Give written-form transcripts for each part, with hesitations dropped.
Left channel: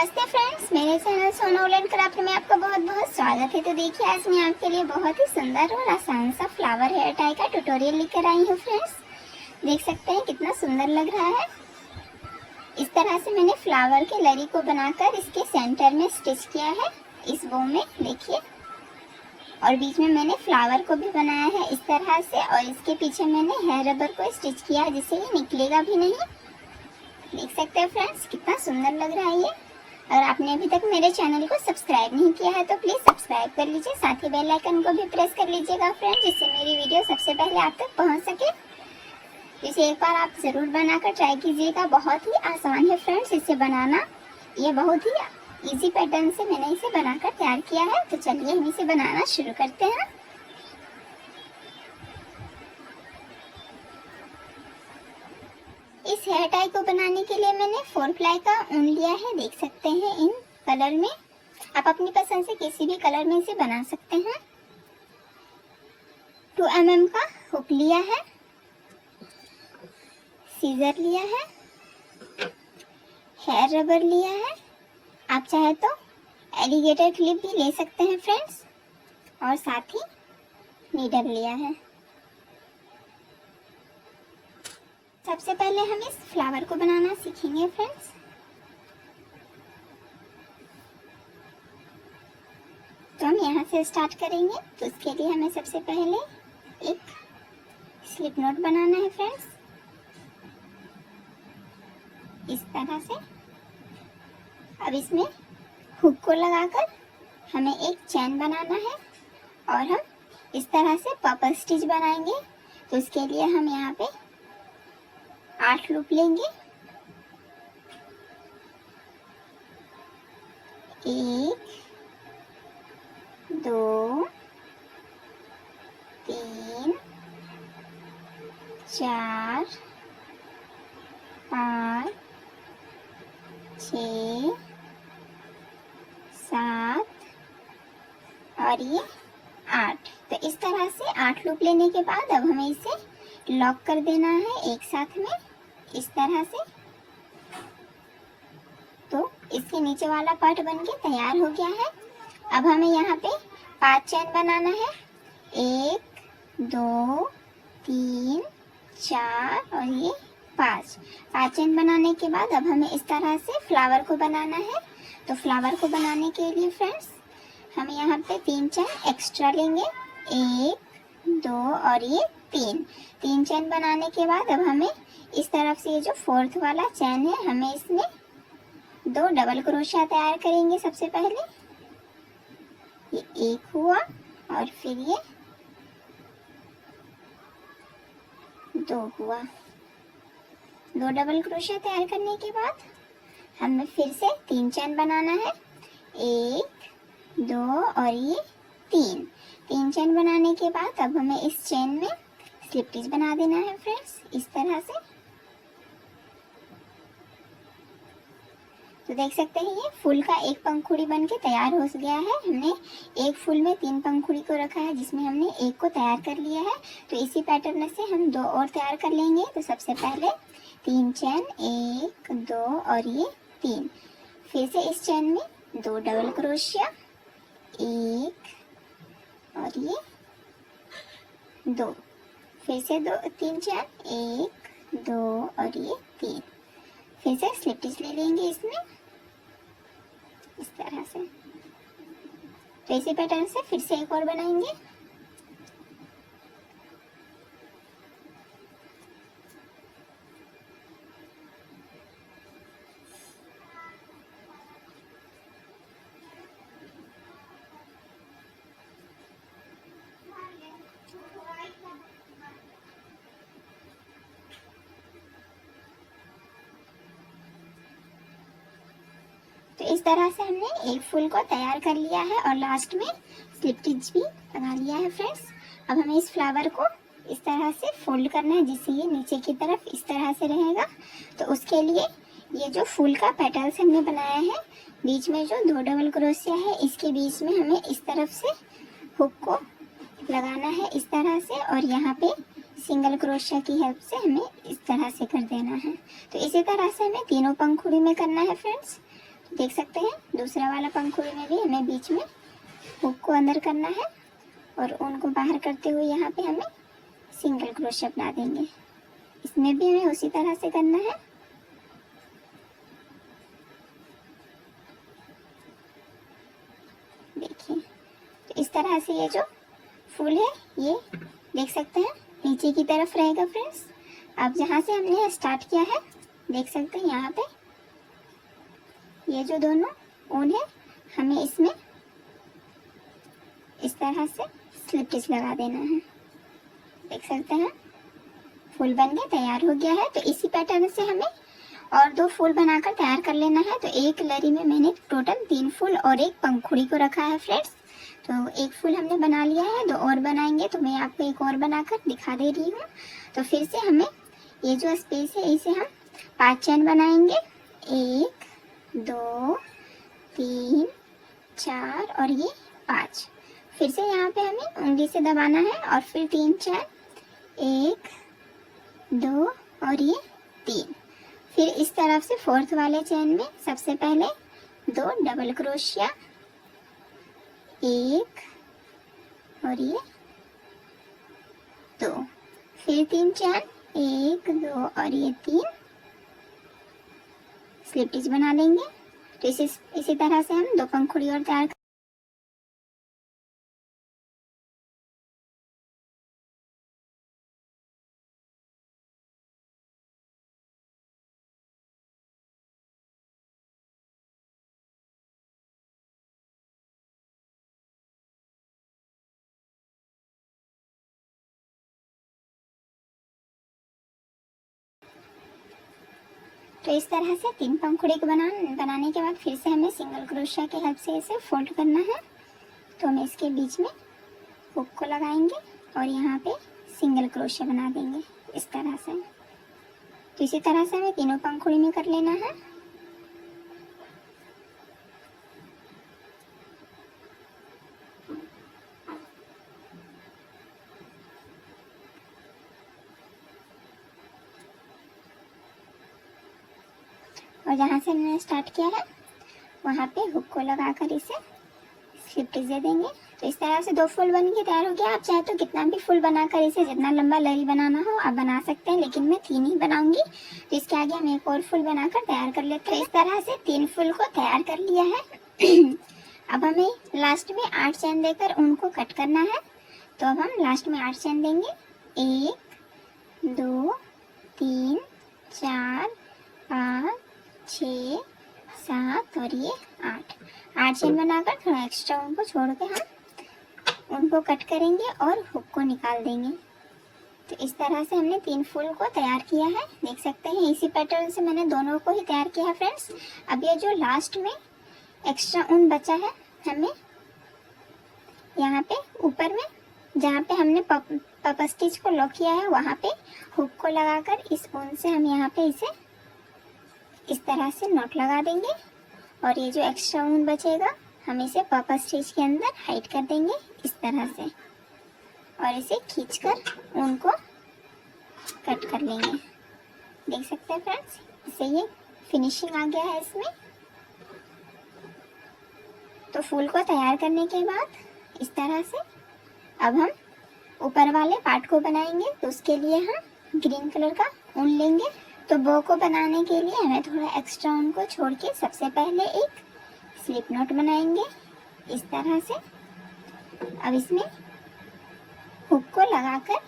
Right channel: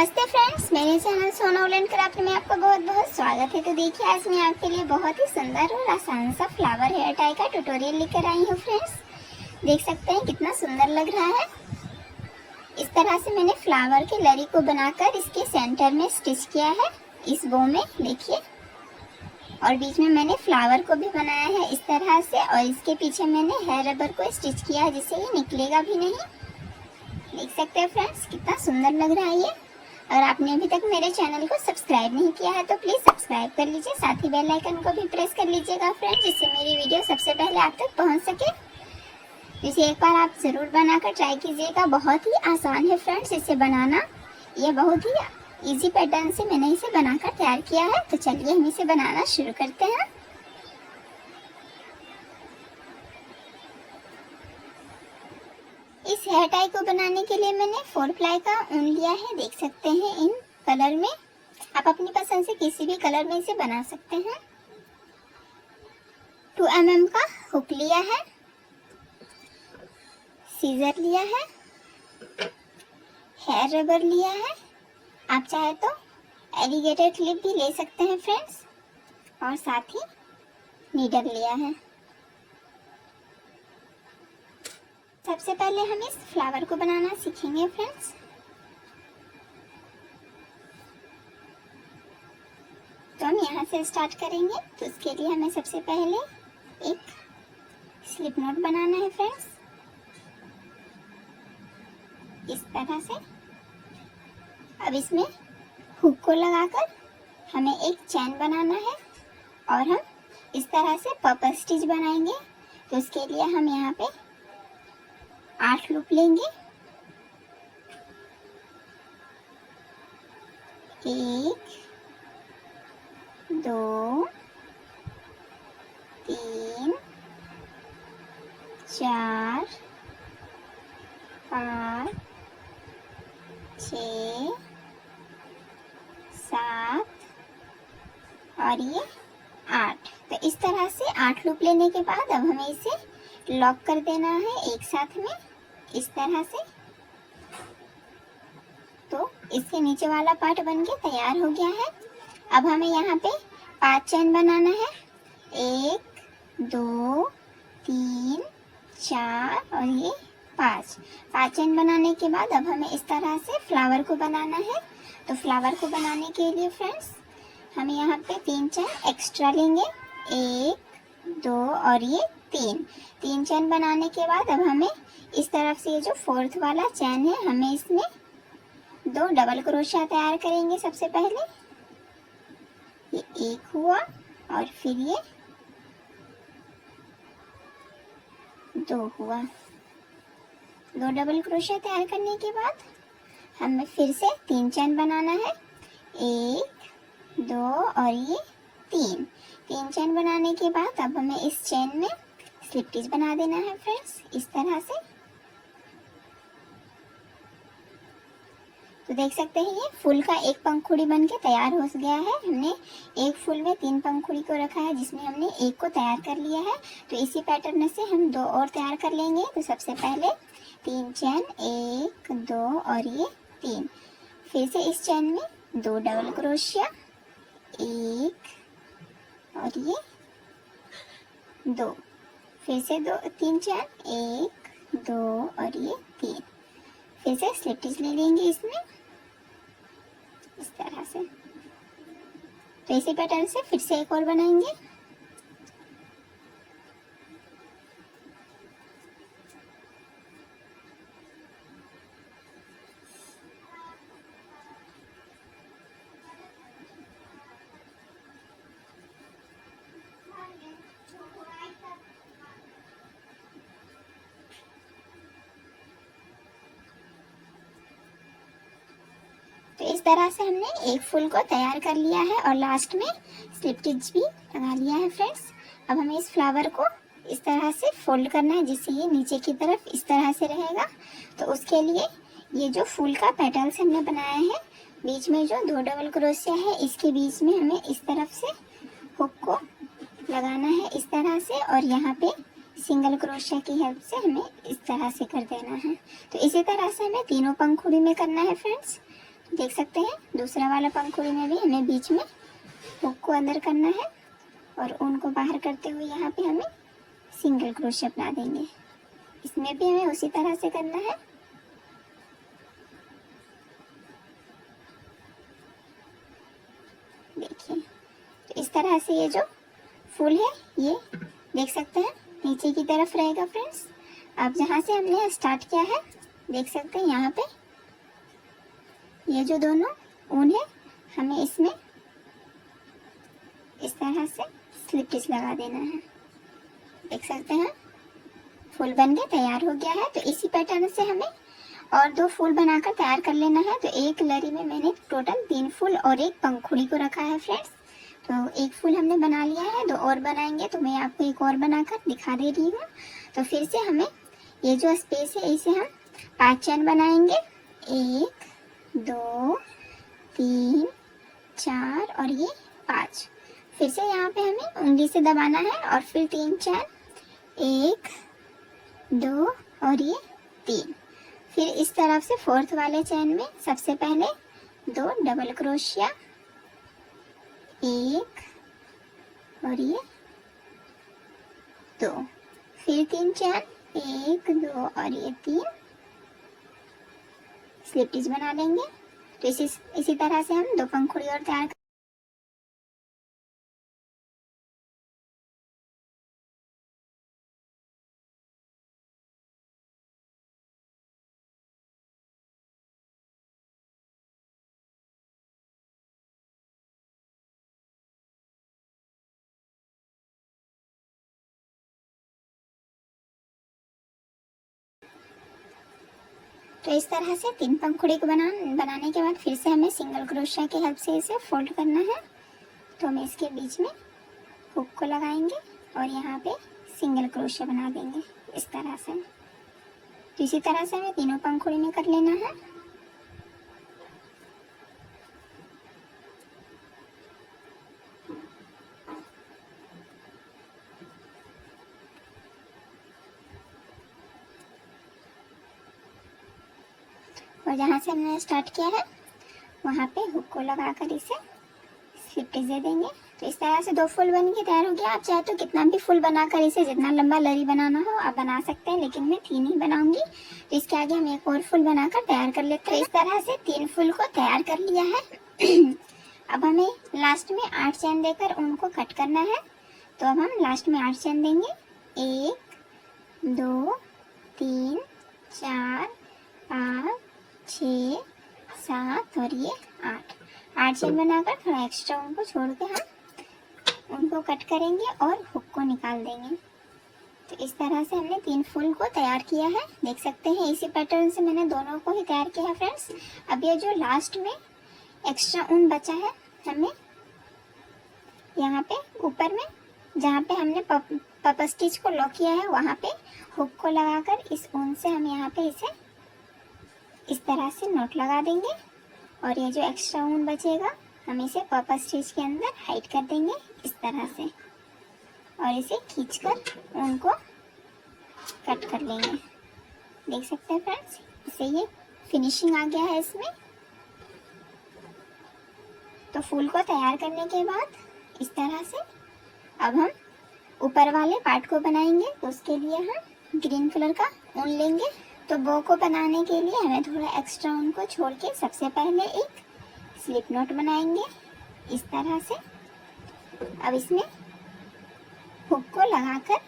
नमस्ते फ्रेंड्स, मेरे चैनल सोना वुलन क्राफ्ट में आपका बहुत बहुत स्वागत है। तो देखिए, आज मैं आपके लिए बहुत ही सुंदर और आसान सा फ्लावर हेयर टाई का ट्यूटोरियल लेकर आई हूँ। फ्रेंड्स देख सकते हैं कितना सुंदर लग रहा है। इस तरह से मैंने फ्लावर के लरी को बनाकर इसके सेंटर में स्टिच किया है, इस बो में देखिए। और बीच में मैंने फ्लावर को भी बनाया है इस तरह से, और इसके पीछे मैंने हेयर रबर को स्टिच किया है जिससे ये निकलेगा भी नहीं। देख सकते हैं फ्रेंड्स कितना सुंदर लग रहा है ये। और आपने अभी तक मेरे चैनल को सब्सक्राइब नहीं किया है तो प्लीज़ सब्सक्राइब कर लीजिए, साथ ही बेल आइकन को भी प्रेस कर लीजिएगा फ्रेंड्स, जिससे मेरी वीडियो सबसे पहले आप तक पहुंच सके। इसे एक बार आप ज़रूर बनाकर ट्राई कीजिएगा, बहुत ही आसान है फ्रेंड्स इसे बनाना। ये बहुत ही इजी पैटर्न से मैंने इसे बनाकर तैयार किया है। तो चलिए हम इसे बनाना शुरू करते हैं। इस हेयर टाई को बनाने के लिए मैंने 4 प्लाई का ऊन लिया है, देख सकते हैं इन कलर में। आप अपनी पसंद से किसी भी कलर में इसे बना सकते हैं। 2 mm का हुक लिया है, सीजर लिया है, हेयर रबर लिया है, आप चाहे तो एलिगेटर क्लिप भी ले सकते हैं फ्रेंड्स, और साथ ही नीडल लिया है। सबसे पहले हम इस फ्लावर को बनाना सीखेंगे फ्रेंड्स। तो हम यहाँ से स्टार्ट करेंगे। तो इसके लिए हमें सबसे पहले एक स्लिप नॉट बनाना है फ्रेंड्स, इस तरह से। अब इसमें हुक को लगाकर हमें एक चैन बनाना है, और हम इस तरह से पर्पल स्टिच बनाएंगे। तो इसके लिए हम यहाँ पे 8 लूप लेंगे। 1 2 3 4 5 6 7 और ये 8। तो इस तरह से 8 लूप लेने के बाद अब हमें इसे लॉक कर देना है एक साथ में, इस तरह से। तो इसके नीचे वाला पार्ट बन के तैयार हो गया है। अब हमें यहाँ पे 5 चैन बनाना है, 1 2 3 4 और ये 5 चैन बनाने के बाद अब हमें इस तरह से फ्लावर को बनाना है। तो फ्लावर को बनाने के लिए फ्रेंड्स हम यहाँ पे 3 चैन एक्स्ट्रा लेंगे, 1 2 और ये 3 चैन बनाने के बाद अब हमें इस तरफ से ये जो 4th वाला चैन है, हमें इसमें 2 डबल क्रोशिया तैयार करेंगे। सबसे पहले ये 1 हुआ, और फिर ये 2 हुआ। 2 डबल क्रोशिया तैयार करने के बाद हमें फिर से 3 चैन बनाना है, 1 2 और ये 3 चैन बनाने के बाद अब हमें इस चेन में स्लिप स्टिच बना देना है फ्रेंड्स, इस तरह से। तो देख सकते हैं ये फूल का एक पंखुड़ी बन के तैयार हो गया है। हमने एक फूल में 3 पंखुड़ी को रखा है, जिसमें हमने एक को तैयार कर लिया है। तो इसी पैटर्न से हम 2 और तैयार कर लेंगे। तो सबसे पहले 3 चैन, 1 2 और ये 3। फिर से इस चैन में 2 डबल क्रोशिया, 1 और ये 2। फिर से 3 चैन, 1 2 और ये 3। फिर से स्लिप स्टिच ले लेंगे इसमें, इस तरह से। तो इसी पैटर्न से फिर से एक और बनाएंगे। तो इस तरह से हमने एक फूल को तैयार कर लिया है, और लास्ट में स्लिप स्टिच भी लगा लिया है फ्रेंड्स। अब हमें इस फ्लावर को इस तरह से फोल्ड करना है, जिससे ये नीचे की तरफ इस तरह से रहेगा। तो उसके लिए ये जो फूल का पेटल्स हमने बनाया है, बीच में जो 2 डबल क्रोशिया है, इसके बीच में हमें इस तरफ से हुक को लगाना है, इस तरह से। और यहाँ पे सिंगल क्रोशिया की हेल्प से हमें इस तरह से कर देना है। तो इसी तरह से हमें तीनों पंखुड़ी में करना है फ्रेंड्स। देख सकते हैं दूसरा वाला पंखुड़ी में भी हमें बीच में हुक को अंदर करना है और ऊन को बाहर करते हुए यहाँ पे हमें सिंगल क्रोशिया बना देंगे। इसमें भी हमें उसी तरह से करना है। देखिए तो इस तरह से ये जो फूल है ये देख सकते हैं नीचे की तरफ रहेगा फ्रेंड्स। अब जहाँ से हमने स्टार्ट किया है देख सकते हैं यहाँ पे ये जो दोनों ऊन है हमें इसमें इस तरह से स्लिप स्टिच लगा देना है। देख सकते हैं फूल बन के तैयार हो गया है। तो इसी पैटर्न से हमें और 2 फूल बनाकर तैयार कर लेना है। तो एक लरी में मैंने टोटल 3 फूल और एक पंखुड़ी को रखा है फ्रेंड्स। तो एक फूल हमने बना लिया है, 2 और बनाएंगे। तो मैं आपको एक और बनाकर दिखा दे रही हूँ। तो फिर से हमें ये जो स्पेस है इसे हम 5 चैन बनाएंगे। 1 2 3 4 और ये 5। फिर से यहाँ पे हमें उंगली से दबाना है और फिर 3 चैन 1 2 और ये 3। फिर इस तरफ से 4th वाले चैन में सबसे पहले 2 डबल क्रोशिया 1 और ये 2। फिर 3 चैन 1 2 और ये 3 स्लिप स्टिच बना लेंगे। तो इसी तरह से हम 2 पंखुड़ी और तैयार तो इस तरह से 3 पंखुड़ी को बनाने के बाद फिर से हमें सिंगल क्रोशिया की हेल्प से इसे फोल्ड करना है। तो हम इसके बीच में हुक को लगाएंगे और यहाँ पे सिंगल क्रोशिया बना देंगे इस तरह से। तो इसी तरह से हमें तीनों पंखुड़ी में कर लेना है। और जहाँ से हमने स्टार्ट किया है वहाँ पे हुक को लगाकर इसे स्लिप स्टिच दे देंगे। तो इस तरह से 2 फूल बन के तैयार हो गया। आप चाहे तो कितना भी फूल बनाकर इसे जितना लंबा लरी बनाना हो आप बना सकते हैं, लेकिन मैं 3 ही बनाऊंगी। तो इसके आगे हम एक और फूल बनाकर तैयार कर लेते हैं। इस तरह से 3 फूल को तैयार कर लिया है। अब हमें लास्ट में 8 चैन देकर उनको कट करना है। तो अब हम लास्ट में 8 चैन देंगे। 1 2 3 4 5 6 7 और ये 8 चेन बनाकर थोड़ा एक्स्ट्रा उनको छोड़ के हम उनको कट करेंगे और हुक को निकाल देंगे। तो इस तरह से हमने 3 फूल को तैयार किया है। देख सकते हैं इसी पैटर्न से मैंने दोनों को ही तैयार किया है फ्रेंड्स। अब ये जो लास्ट में एक्स्ट्रा ऊन बचा है हमें यहाँ पे ऊपर में जहाँ पे हमने पप स्टिच को लॉक किया है वहाँ पे हुक को लगाकर इस ऊन से हम यहाँ पे इसे इस तरह से नॉट लगा देंगे और ये जो एक्स्ट्रा ऊन बचेगा हम इसे पप स्टिच के अंदर हाइड कर देंगे इस तरह से और इसे खींचकर ऊन को कट कर लेंगे। देख सकते हैं फ्रेंड्स इससे ये फिनिशिंग आ गया है इसमें। तो फूल को तैयार करने के बाद इस तरह से अब हम ऊपर वाले पार्ट को बनाएंगे। तो उसके लिए हम ग्रीन कलर का ऊन लेंगे। तो बो को बनाने के लिए हमें थोड़ा एक्स्ट्रा ऊन को छोड़ के सबसे पहले एक स्लिप नॉट बनाएंगे इस तरह से। अब इसमें हुक को लगाकर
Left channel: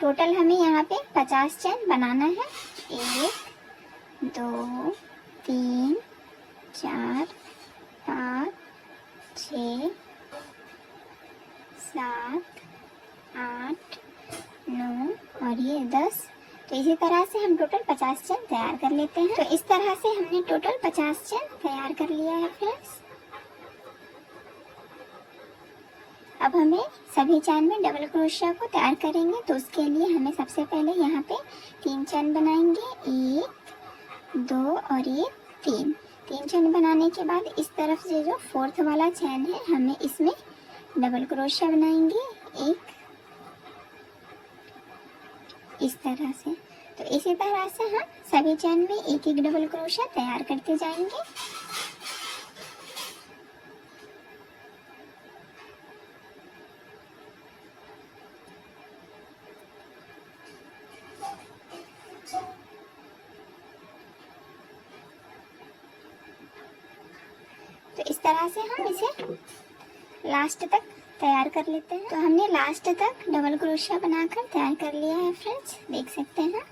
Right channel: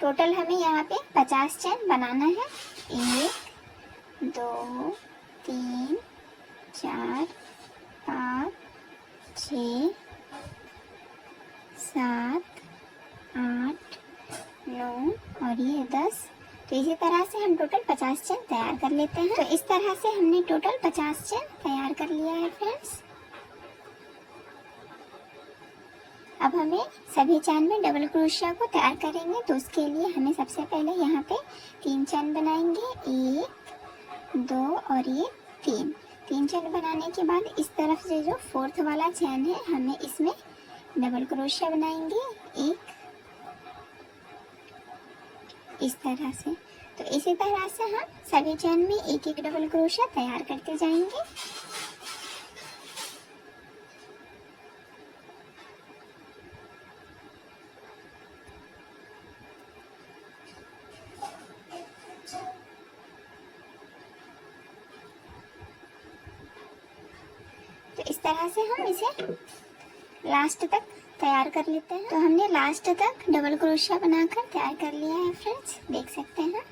टोटल हमें यहाँ पे 50 चैन बनाना है। 1 2 3 4 5 6 7 8 9 और ये 10। तो इसी तरह से हम टोटल 50 चैन तैयार कर लेते हैं। तो इस तरह से हमने टोटल 50 चैन तैयार कर लिया है फ्रेंड्स। अब हमें सभी चैन में डबल क्रोशिया को तैयार करेंगे। तो उसके लिए हमें सबसे पहले यहाँ पे 3 चैन बनाएंगे। 1 2 और ये 3 चैन बनाने के बाद इस तरफ से जो 4th वाला चैन है हमें इसमें डबल क्रोशिया बनाएंगे एक इस तरह से। तो इसी तरह से हम सभी चैन में एक डबल क्रोशिया तैयार करते जाएंगे। इस तरह से हम इसे लास्ट तक तैयार कर लेते हैं। तो हमने लास्ट तक डबल क्रोशिया बनाकर तैयार कर लिया है फ्रेंड्स, देख सकते हैं।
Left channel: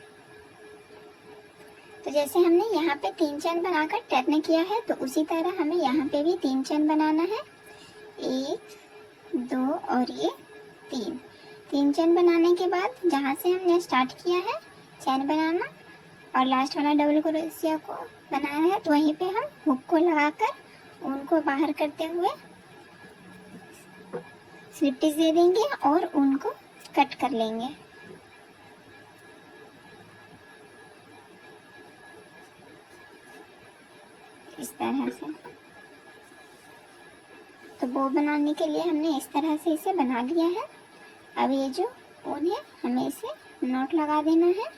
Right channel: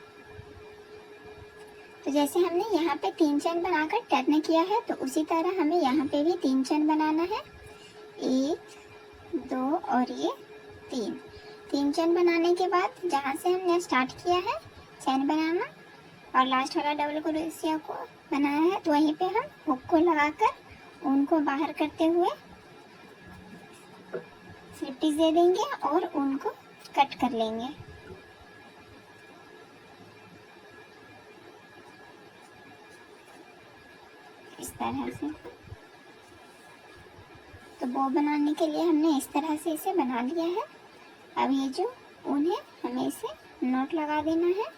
तो जैसे हमने यहाँ पे 3 चेन बनाकर टर्न किया है, तो उसी तरह हमें यहाँ पे भी 3 चेन बनाना है। 1 2 और ये 3 चेन बनाने के बाद जहाँ से हमने स्टार्ट किया है चेन बनाना और लास्ट वाला डबल क्रोशिया को बनाया है, तो वहीं पे हम हुक को लगाकर ऊन को बाहर करते हुए स्लिप स्टिच दे देंगे और ऊन को कट कर लेंगे। इस तरह से। तो बो बनाने के लिए हमने इस तरह से इसे बना लिया है। अब ये जो ऊन है हमें इसे नॉट लगा देना है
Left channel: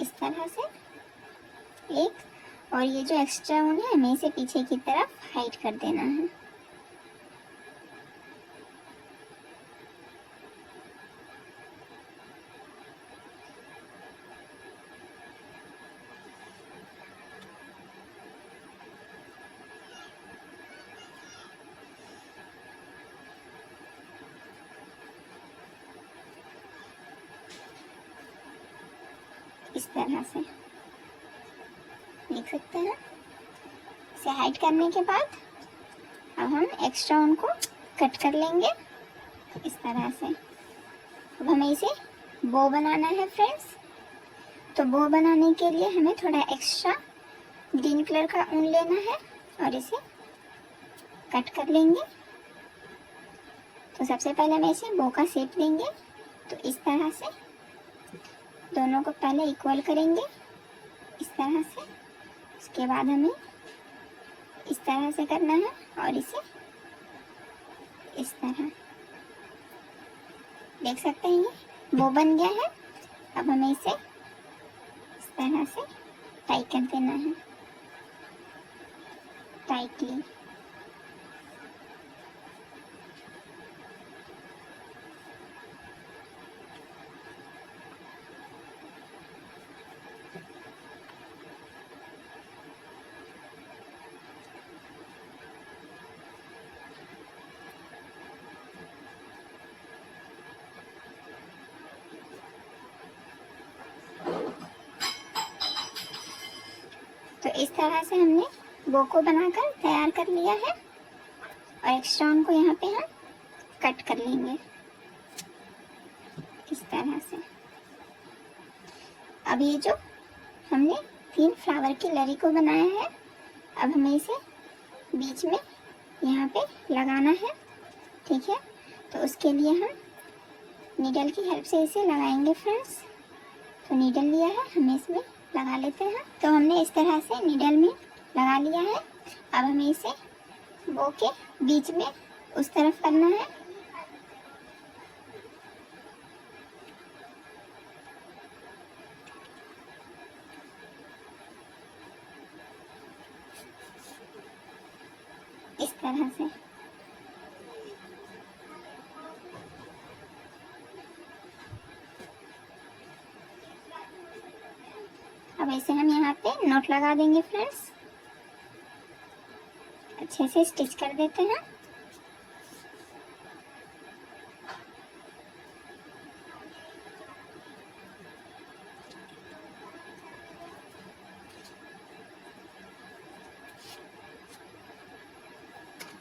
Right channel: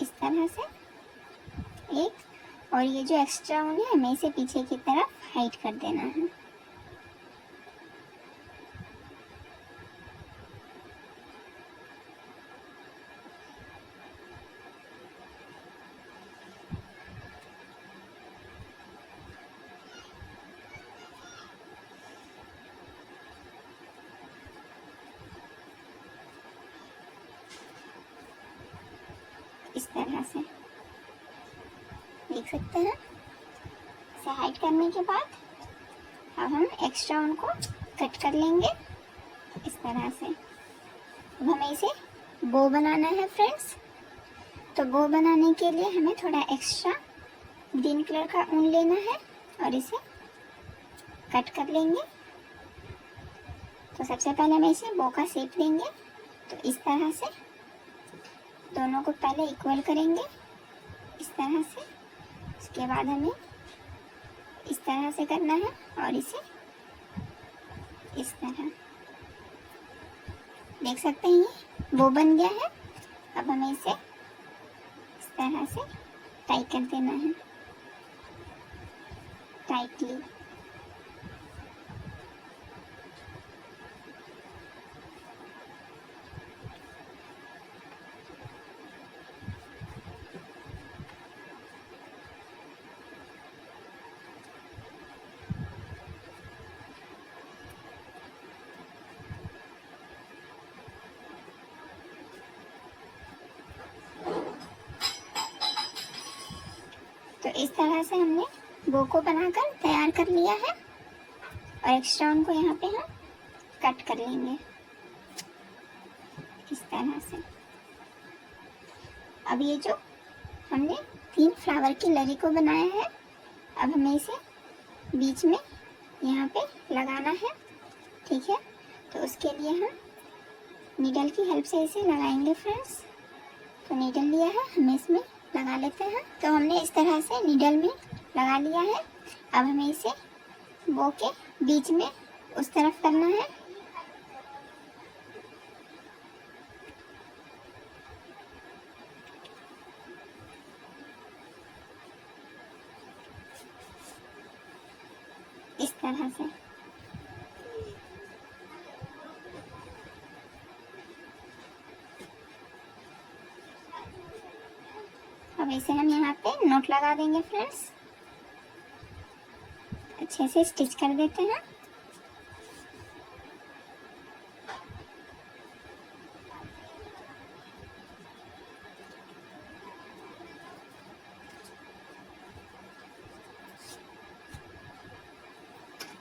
इस तरह से एक, और ये जो एक्स्ट्रा ऊन है हमें इसे पीछे की तरफ हाइड कर देना है। इस तरह से देख सकते हैं। इसे हाइड करने के बाद अब हम एक्स्ट्रा उनको कट कर लेंगे इस तरह से। अब हमें इसे बो बनाना है फ्रेंड्स। तो बो बनाने के लिए हमें थोड़ा एक्स्ट्रा ग्रीन कलर का ऊन लेना है और इसे कट कर लेंगे। तो सबसे पहले हमें इसे बो का शेप देंगे। तो इस तरह से दोनों को पहले इक्वल करेंगे इस तरह से। इसके बाद हमें इस तरह से करना है और इसे इस तरह, देख सकते हैं ये बो बन गया है। अब हमें इसे इस तरह से टाई कर देना है टाइटली। तो इस तरह से हमने बो को बनाकर तैयार कर लिया है और एक्स्ट्रा उनको यहाँ पे हम कट कर लेंगे इस तरह से। अब ये जो हमने 3 फ्लावर की लरी को बनाया है, अब हमें इसे बीच में यहाँ पे लगाना है, ठीक है। तो उसके लिए हम नीडल की हेल्प से इसे लगाएंगे फ्रेंड्स। तो नीडल लिया है, हमें इसमें लगा लेते हैं। तो हमने इस तरह से नीडल में लगा लिया है। अब हमें इसे बो के बीच में उस तरफ करना है। इस तरह से। अब इसे हम यहाँ पे नोट लगा देंगे फ्रेंड्स, अच्छे से स्टिच कर देते हैं।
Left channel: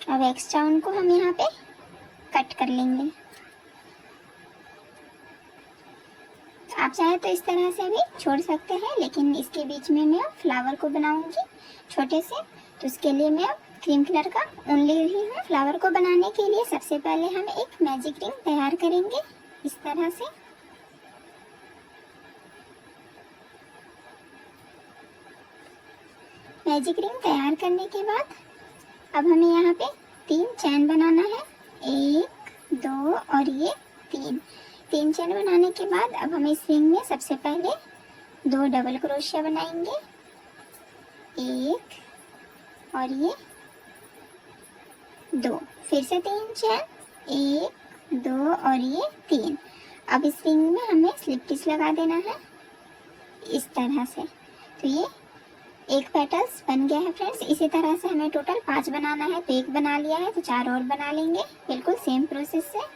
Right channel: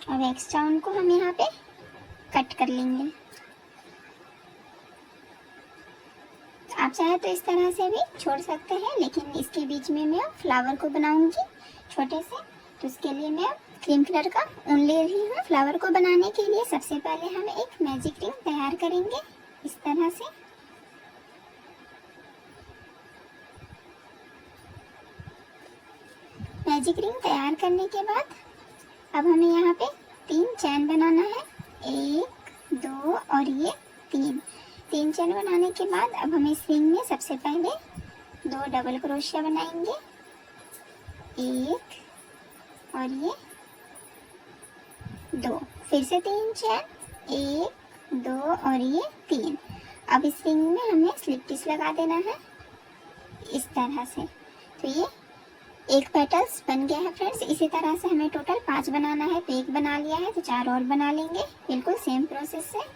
अब एक्स्ट्रा उनको हम यहाँ पे कट कर लेंगे। आप चाहे तो इस तरह से भी छोड़ सकते हैं, लेकिन इसके बीच में मैं फ्लावर को बनाऊंगी छोटे से, तो इसके लिए मैं क्रीम कलर का ऊन ले रही हूँ। फ्लावर को बनाने के लिए सबसे पहले हम एक मैजिक रिंग तैयार करेंगे इस तरह से। मैजिक रिंग तैयार करने के बाद अब हमें यहाँ पे 3 चैन बनाना है, 1 2 और ये 3 चैन बनाने के बाद अब हमें इस रिंग में सबसे पहले 2 डबल क्रोशिया बनाएंगे, 1 और ये 2, फिर से 3 चैन, 1 2 और ये 3। अब इस रिंग में हमें स्लिप स्टिच लगा देना है इस तरह से। तो ये एक पेटल्स बन गया है फ्रेंड्स। इसी तरह से हमें टोटल 5 बनाना है, तो एक बना लिया है तो 4 और बना लेंगे, बिल्कुल सेम प्रोसेस से।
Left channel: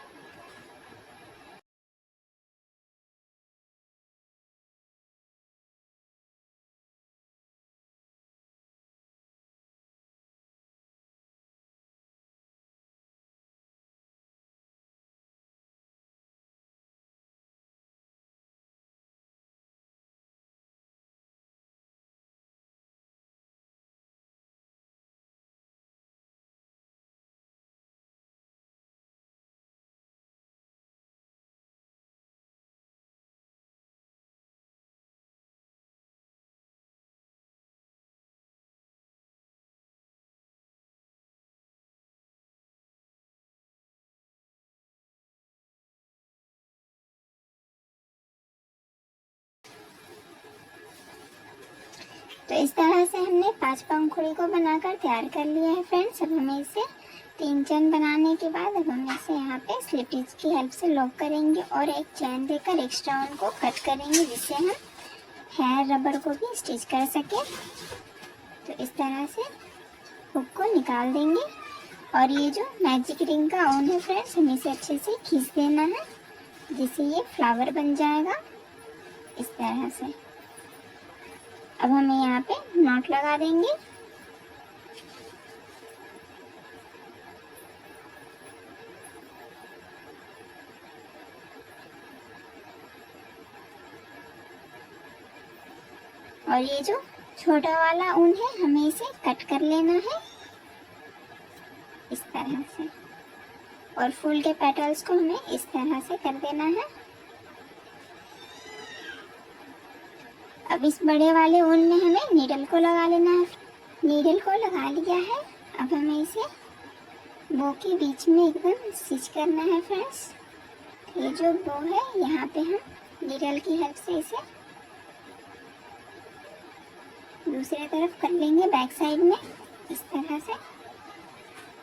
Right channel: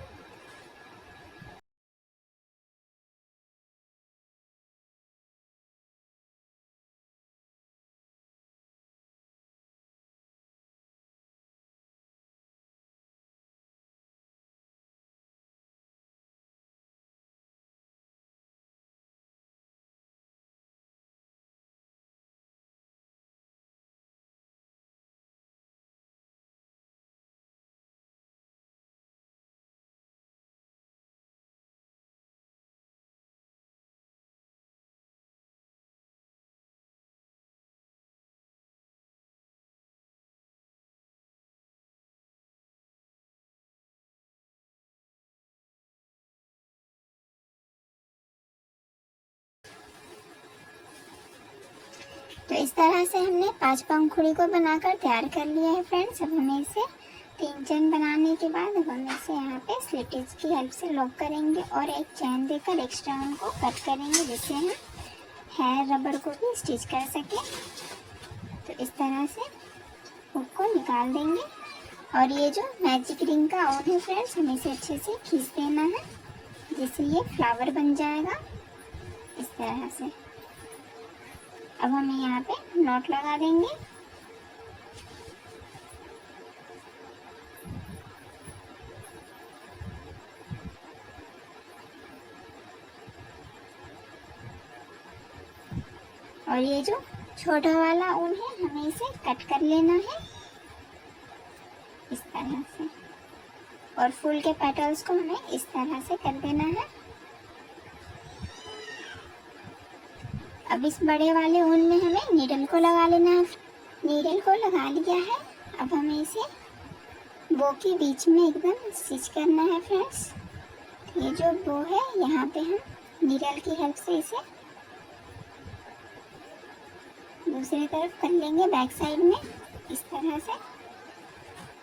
तो इस तरह से हमने 5 पंखुड़ी को बनाकर तैयार कर लिया है फ्रेंड्स। अब हमें इसे 3 चेन बनाने के बाद अब हम इसे यहाँ पे स्लिप स्टिच की हेल्प से लॉक करेंगे और एक चैन देकर एक्स्ट्रा उनको कट करेंगे, जिससे हम हेयर रबर को भी स्टिच कर सके। तो इस तरह से हुक को निकाल देंगे और ये जो मैजिक रिंग का ऑन है फ्रेंड्स, हमें इसे अच्छे से खींच देना है, जिससे ये फ्लावर बन जाएगा इस तरह से। अब हमें यहाँ पे नॉट लगा देंगे। और ये जो छोटा वाला ऊन है हमें इसे कट कर लेना है इस तरह से, और फूल के पेटल्स को हमें इस तरह से कर देना है। अब इस बड़े वाले ऊन में हमें नीडल को लगा लेना है। नीडल को लगा लिया है। अब हमें इसे बो के बीच में एकदम स्टिच करना है फ्रेंड्स। ये जो बो है यहाँ पे हम नीडल की हेल्प से इसे दूसरी तरफ कर लेंगे बैक साइड में इस तरह से,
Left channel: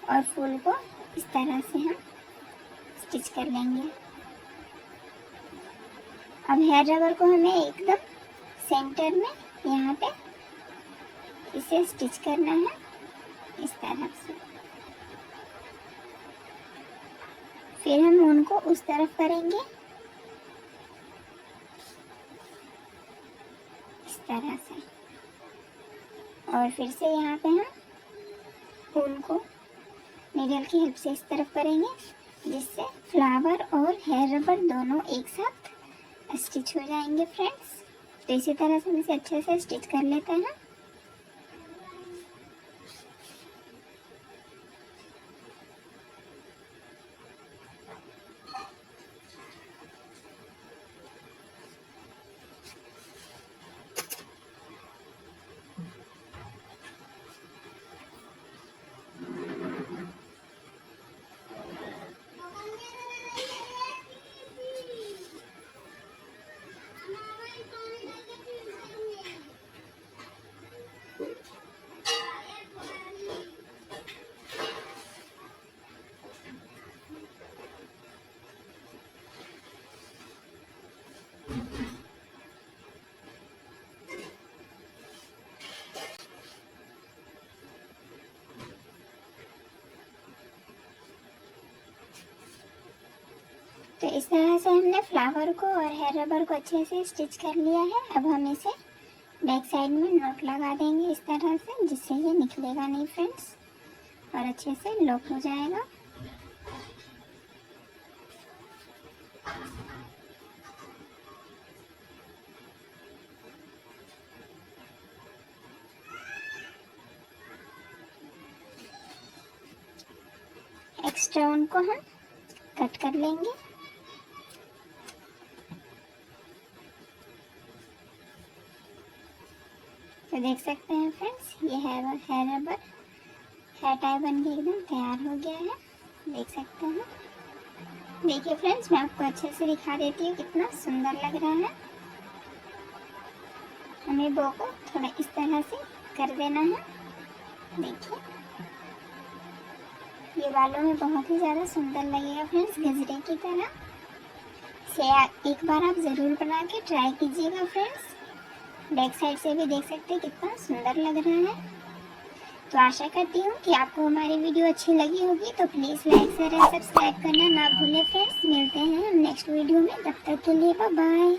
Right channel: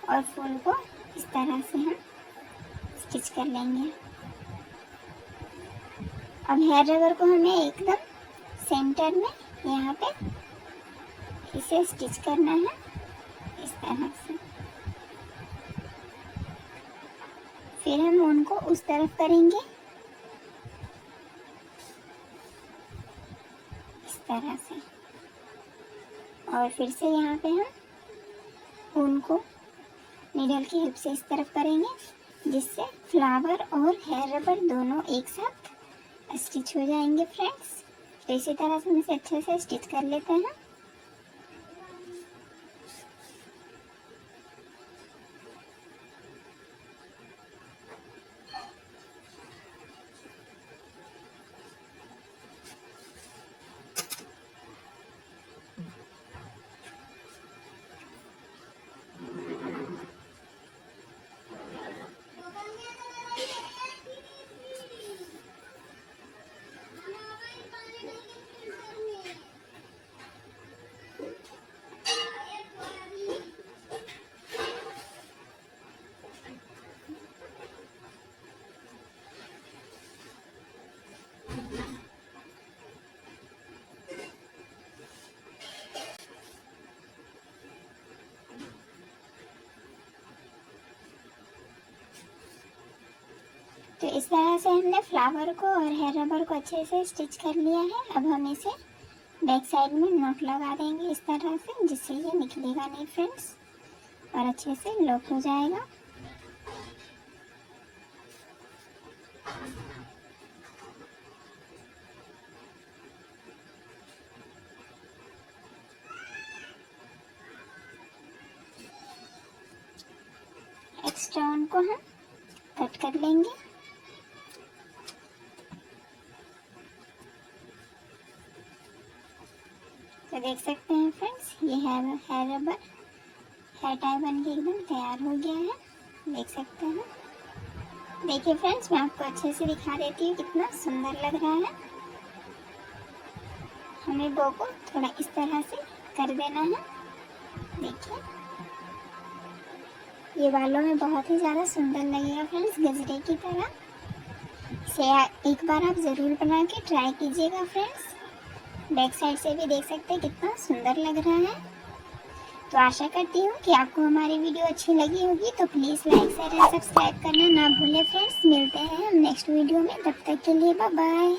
और फूल को इस तरह से हम स्टिच कर लेंगे। अब हेयर रबर को हमें एकदम सेंटर में यहाँ पे इसे स्टिच करना है इस तरह से। फिर हम उनको उस तरफ करेंगे इस तरह से, और फिर से यहाँ पे हम उनको नीडल की हेल्प से इस तरफ करेंगे, जिससे फ्लावर और हेयर रबर दोनों एक साथ स्टिच हो जाएंगे फ्रेंड्स। तो इसी तरह से हम इसे अच्छे से स्टिच कर लेते हैं। तो इस तरह से हमने फ्लावर को और हेयर रबर को अच्छे से स्टिच कर लिया है। अब हम इसे बैक साइड में नॉट लगा देंगे इस तरह से, जिससे ये निकलेगा नहीं फ्रेंड्स, और अच्छे से लॉक हो जाएगा। एक्स्ट्रा उनको हम कट कर लेंगे। तो देख सकते हैं फ्रेंड्स, ये हेयर रबर हेयर टाई बन के एकदम तैयार हो गया है, देख सकते हैं। देखिए फ्रेंड्स, मैं आपको अच्छे से दिखा देती हूँ कितना सुंदर लग रहा है। हमें बो को थोड़ा इस तरह से कर देना है। देखिए ये बालों में बहुत ही ज़्यादा सुंदर लगेगा फ्रेंड्स, गजरे की तरह। इसे एक बार आप ज़रूर बना के ट्राई कीजिएगा फ्रेंड्स। बैक साइड से भी देख सकते हैं कितना सुंदर लग रहा है। तो आशा करती हूँ कि आपको हमारी वीडियो अच्छी लगी होगी। तो प्लीज़ लाइक शेयर और सब्सक्राइब करना ना भूलें फ्रेंड्स। मिलते हैं हम नेक्स्ट वीडियो में, तब तक के लिए बाय बाय।